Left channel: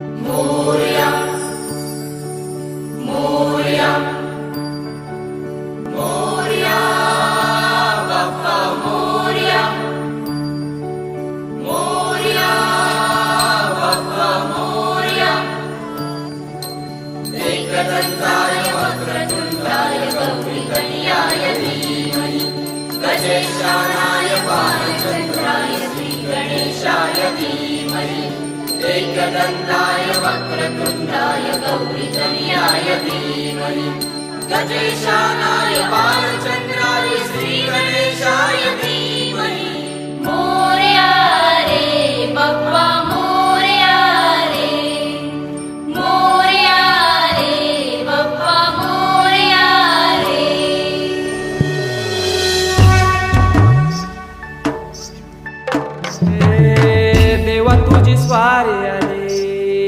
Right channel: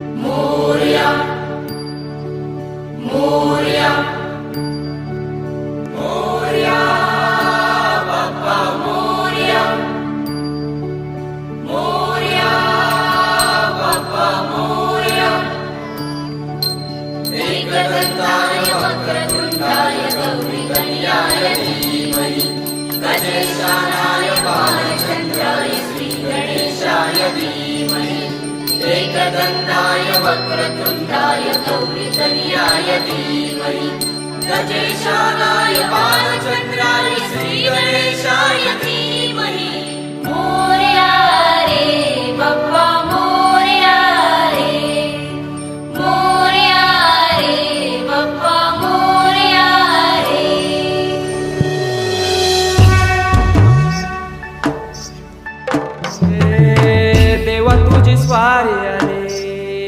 मोरया मोरया मोरया बाप्पा मोरया मोरया बाप्पा मोरया एकदंताय वक्रतुंडाय गौरीकन्याय धीमहि गजेशानाय भालचन्द्राय श्रीगणेशाय धीमहि एकदंताय वक्रतुंडाय गौरीकन्याय धीमहि गजेशानाय भालचन्द्राय श्रीगणेशाय धीमहि मोरया रे बाप्पा